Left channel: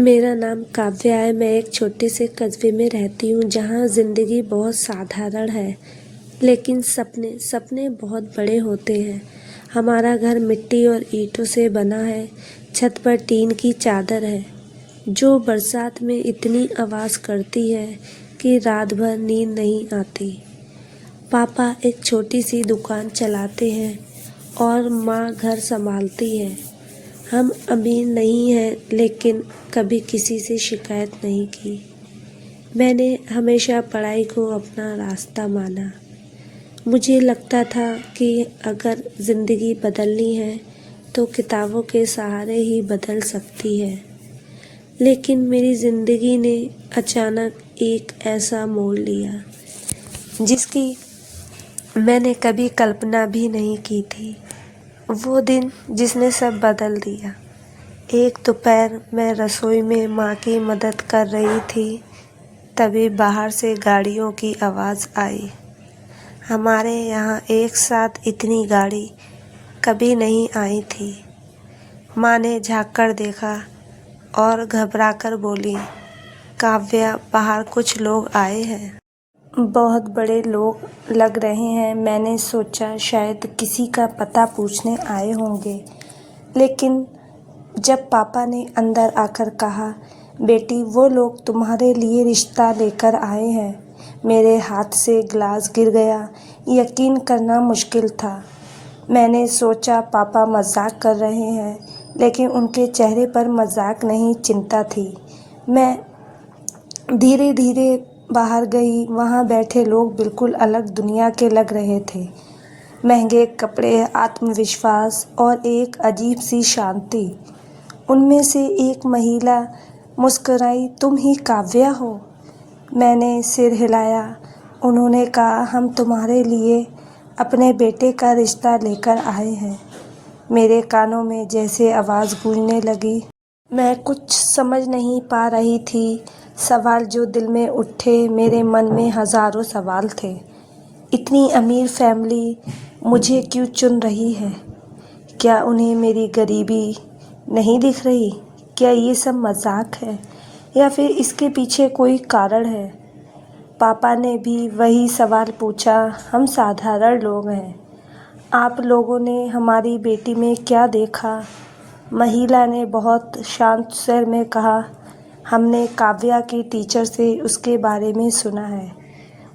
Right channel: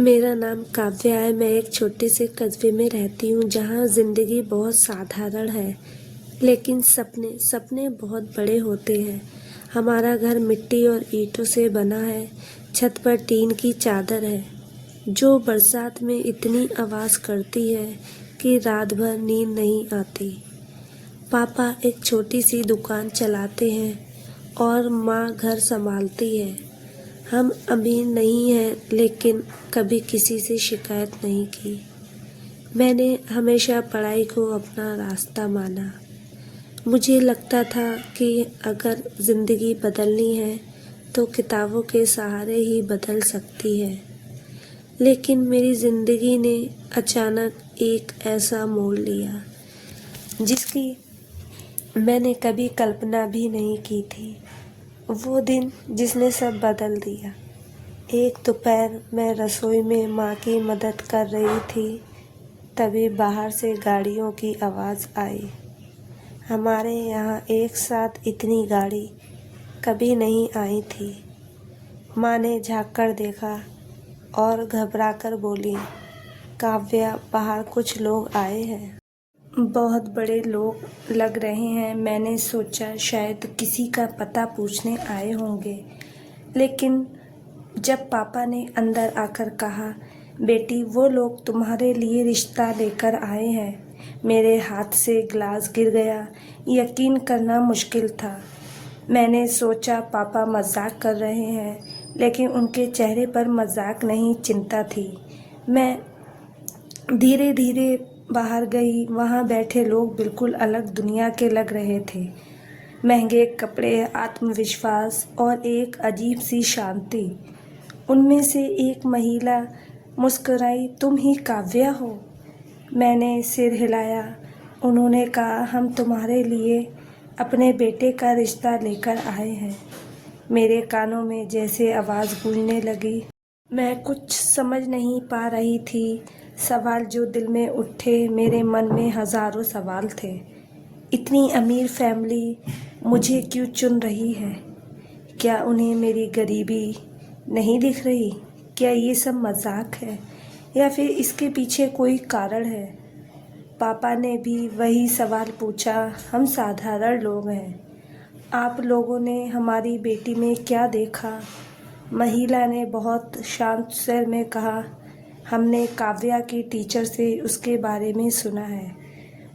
मेरा नाम काव्या है। मैं एक छोटे से कस्बे में रहती हूँ जहाँ ज़िंदगी बहुत साधारण है, लेकिन सपने सपने बहुत बड़े होते हैं। हमारा घर मिट्टी और ईंटों से बना है। छत पर टीन की चादर है जो बरसात में इतनी आवाज़ करती है कि रात भर नींद नहीं आती। पापा एक छोटी सी दुकान चलाते हैं और माँ घर संभालती है। हम अमीर नहीं हैं, लेकिन कभी किसी से शिकायत नहीं की। मैंने हमेशा पढ़ाई को अपना रास्ता माना। मुझे लगता था कि अगर ज़िंदगी बदलनी है तो किताबों के सहारे ही बदल सकती है। लेकिन मेरी ज़िंदगी ने अचानक एक ऐसा मोड़ लिया जिसकी मैंने कभी कल्पना भी नहीं की थी। वो दिन जिसने सब बदल दिया। एक दोपहर मैं रसोई में माँ की मदद कर रही थी, तभी बाहर से गाड़ियों की आवाज़ आई। हमारे यहाँ एक साथ इतनी गाड़ी कभी नहीं आई थी। माँ ने झाँक कर देखा और घबराकर बोली, काव्या, बाहर कुछ लोग आए हैं। बहुत बड़े लोग लग रहे हैं। मैंने सोचा शायद किसी का पता पूछने आए होंगे, लेकिन जब पापा ने अंदर आकर कहा, बेटी, वो लोग तुम्हारे लिए रिश्ता लेकर आए हैं, मेरे हाथ से गिलास गिर गया। यकीन करना मुश्किल था। मैंने सोचा पापा मजाक कर रहे हैं, लेकिन उनके चेहरे पर मजाक नहीं, चिंता थी। मैं धीरे धीरे बाहर गई। वहाँ बैठे लोग बिल्कुल अलग दुनिया के लग रहे थे। महंगे कपड़े, आत्मविश्वास और एक अजीब सी शांति। उनमें से एक महिला मुस्कुराई, तुम ही काव्या हो? मैंने सिर हिलाया। उन्होंने कहा, हम तुम्हारे लिए अपने बेटे का रिश्ता लेकर आए हैं। मेरे कानों में जैसे आवाज़ गूंजने लगी। मैं कुछ समझ नहीं पा रही थी। सवाल जो दिल में उठे, मेरे मन में हज़ारों सवाल थे। इतनी अमीर फैमिली मुझे क्यों चुन रही है? क्या उन्हें मेरी गरीबी नहीं दिख रही? क्या ये सब मजाक है या फिर इसके पीछे कोई कारण है? पापा ने भी वही सवाल पूछा। हम साधारण लोग हैं, आप लोगों ने हमारी बेटी में क्या देखा? महिला ने बहुत शांत स्वर में कहा, हमने काव्या की टीचर से उसके बारे में सुना है।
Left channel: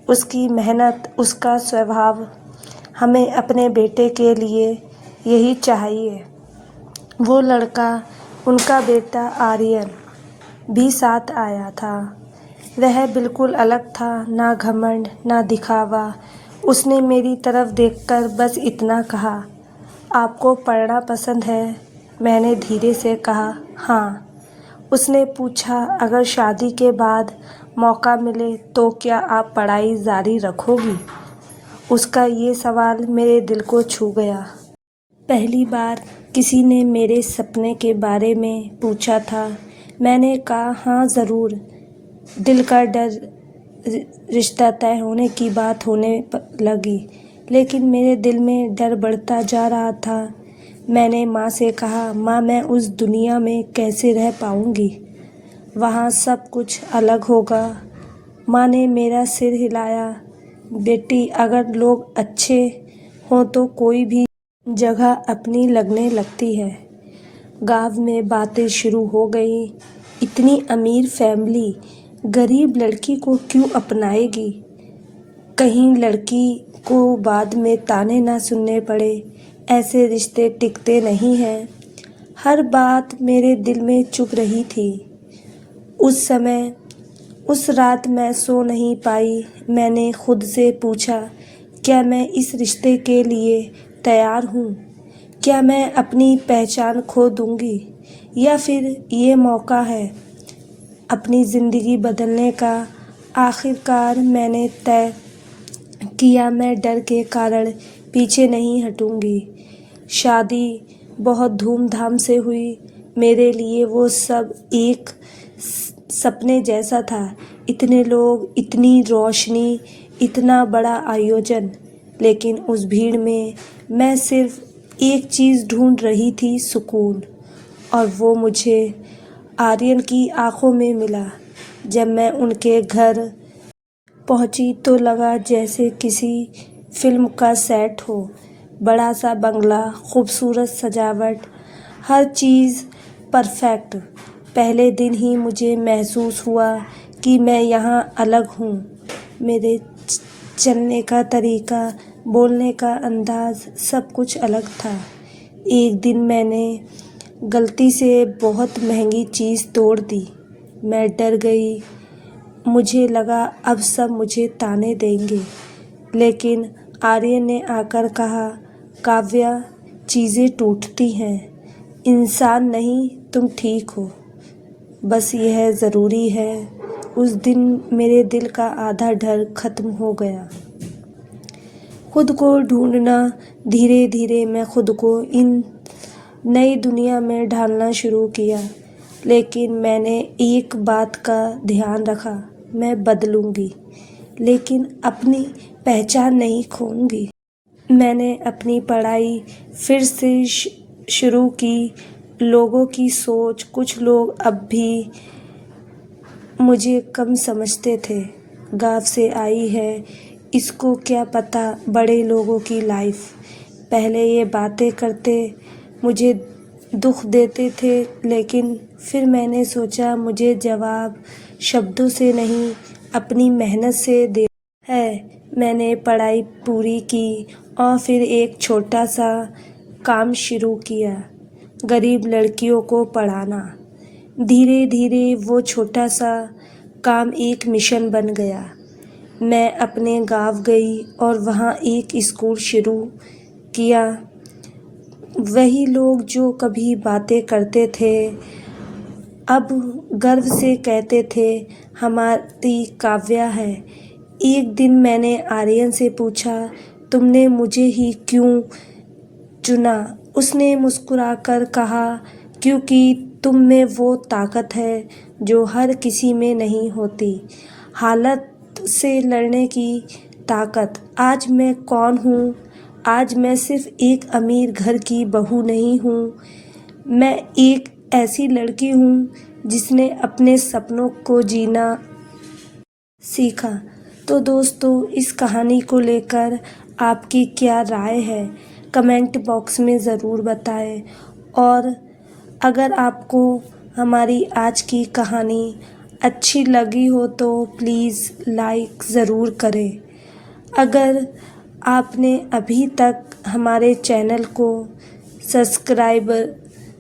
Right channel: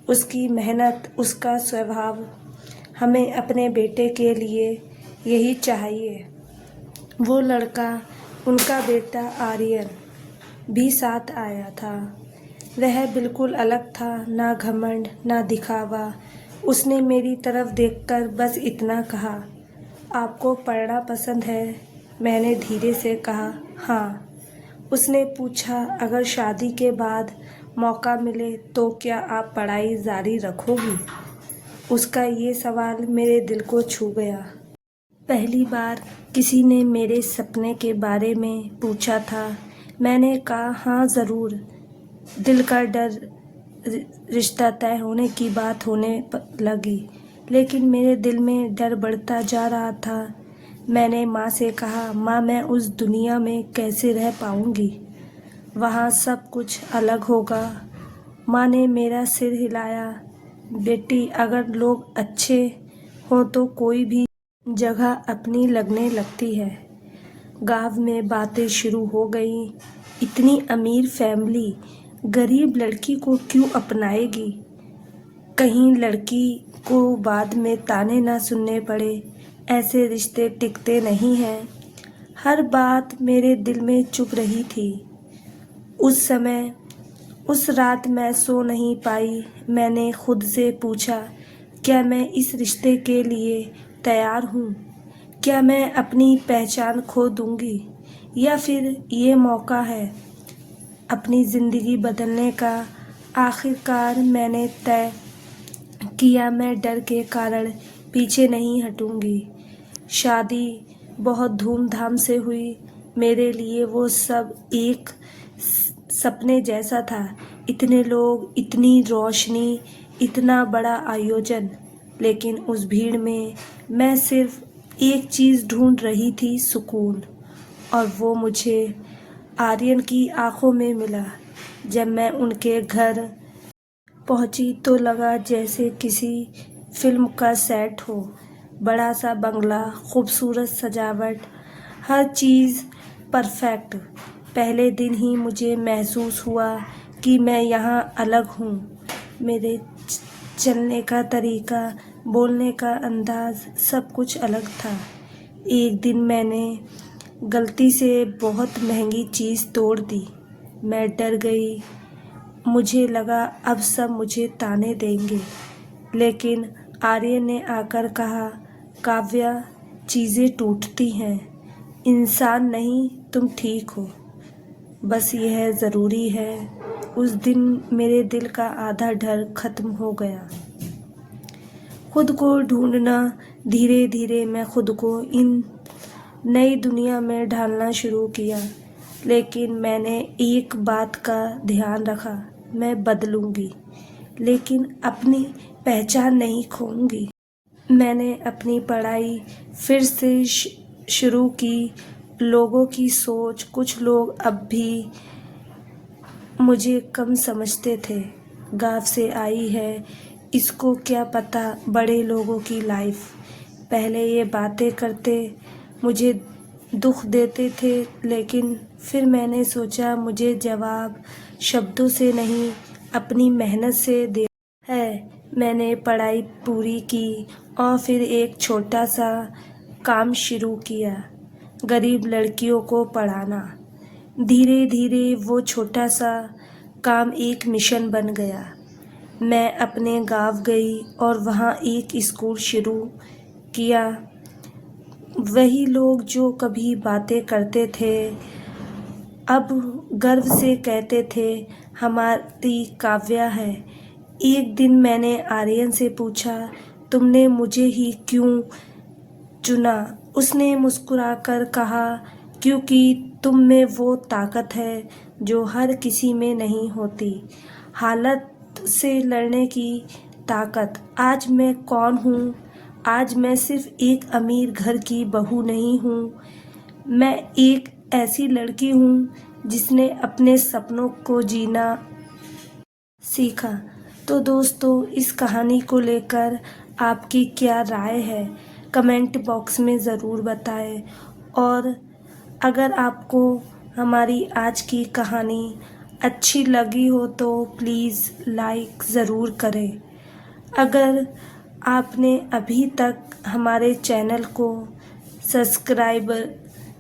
उसकी मेहनत, उसका स्वभाव, हमें अपने बेटे के लिए यही चाहिए। वो लड़का, उनका बेटा आर्यन, भी साथ आया था। वह बिल्कुल अलग था, ना घमंड ना दिखावा। उसने मेरी तरफ देखकर बस इतना कहा, आपको पढ़ना पसंद है? मैंने धीरे से कहा, हाँ। उसने पूछा, अगर शादी के बाद मौका मिले तो क्या आप पढ़ाई जारी रखोगी? उसका ये सवाल मेरे दिल को छू गया। पहली बार किसी ने मेरे सपने के बारे में पूछा था। मैंने कहा, हाँ ज़रूर। दिल का डर, रिश्ता तय होने की बात होने लगी, लेकिन मेरे दिल में डर बढ़ता जा रहा था। मैंने माँ से कहा, माँ, मैं उस दुनिया में कैसे रह पाऊँगी? वहाँ सब कुछ अलग होगा। माँ ने मेरा सिर हिलाया। बेटी, अगर लोग अच्छे हों तो कोई भी जगह अपनी लगने लगती है। गांव में बातें शुरू हो गई। इतनी अमीर फैमिली गरीब लड़की को क्यों अपनाएगी? कहीं लड़की को बाद में ताने ना सुनने पड़े। ऐसे रिश्ते टिकते नहीं हैं। हर बात मेरे दिल में चुभ रही थी। उस रात मैं सो नहीं पाई। मैंने खुद से पूछा, क्या मैं इस रिश्ते के लिए तैयार हूँ? क्या मैं अपनी पहचान खो दूँगी, या फिर ये मौका है अपनी ज़िंदगी बदलने का? आखिरकार मैंने तय किया, मैं डर के कारण पीछे नहीं हटूँगी। शादी बहुत धूमधाम से हुई। मेरे लिए वो सब एक सपने जैसा था। इतने लोग, इतनी रोशनी, इतना बड़ा आयोजन, लेकिन उस भीड़ में मैं सिर्फ एक चीज़ ढूंढ रही थी, सुकून। और वो मुझे आर्यन की आंखों में मिला। जब मैं उनके घर पहुंची तो लगा जैसे किसी फिल्म का सेट हो। बड़ा सा बंगला, खूबसूरत सजावट, हर चीज़ परफेक्ट। पहले दिन ही मुझे महसूस हुआ कि मैं यहाँ अलग हूँ। मेरे चलने का तरीका, बोलने का अंदाज, सब कुछ अलग था। एक दिन मैंने गलती से बहुत महंगी चीज़ तोड़ दी। मैं डर गई। मुझे लगा अब सब मुझे ताने देंगे, लेकिन आर्यन ने आकर कहा, काव्या, चीज़ें टूटती हैं, इंसान नहीं, तुम ठीक हो, बस यह ज़रूरी है। उस दिन मेरे दिल का आधा डर खत्म हो गया। खुद को ढूंढना, धीरे धीरे मैं खुद को इन नई दुनिया में ढालना शुरू किया। लेकिन मैंने एक बात का ध्यान रखा, मैं बदलूंगी, लेकिन अपनी पहचान नहीं खोऊंगी। मैंने अपनी पढ़ाई फिर से शुरू की। लोगों की सोच, कुछ लोग अब भी मुझे कम समझते थे। गाँव से आई है, इसको क्या पता बड़े लोगों की लाइफ। पहले ये बातें करते मुझे दुख देते थे, लेकिन फिर मैंने सोचा मुझे जवाब शब्दों से नहीं, अपनी मेहनत से दे है। मैंने पढ़ाई पूरी की और फिर एक छोटा सा काम शुरू किया, गरीब लड़कियों को पढ़ाना। धीरे धीरे वो छोटा सा काम एक मिशन बन गया। मैं अपने गांव गई और वहाँ एक स्कूल शुरू किया। वही लोग जो कभी बातें करते थे, अब गर्व से कहते थे, हमारी काव्या है। एक दिन मैंने आर्यन से पूछा, तुमने मुझे ही क्यों चुना? उसने मुस्कुराकर कहा, क्योंकि तुम में वो ताकत है जो हर किसी में नहीं होती, हालत से लड़ने की ताकत। आज मैं कौन हूँ? आज मैं सिर्फ एक अमीर घर की बहू नहीं हूँ, मैं एक ऐसी लड़की हूँ जिसने अपने सपनों को जीना सीखा। तो दोस्तों, इस कहानी को लेकर आपकी क्या राय है, कमेंट बॉक्स में ज़रूर बताएं। और अगर आपको हमारी आज की कहानी अच्छी लगी हो तो प्लीज़ लाइक ज़रूर करें। अगर आपने अभी तक हमारे चैनल को सब्सक्राइब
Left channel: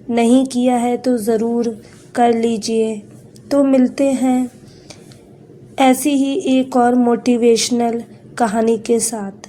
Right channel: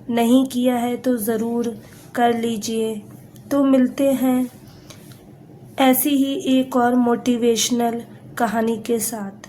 नहीं किया है तो ज़रूर कर लीजिए। तो मिलते हैं ऐसी ही एक और मोटिवेशनल कहानी के साथ।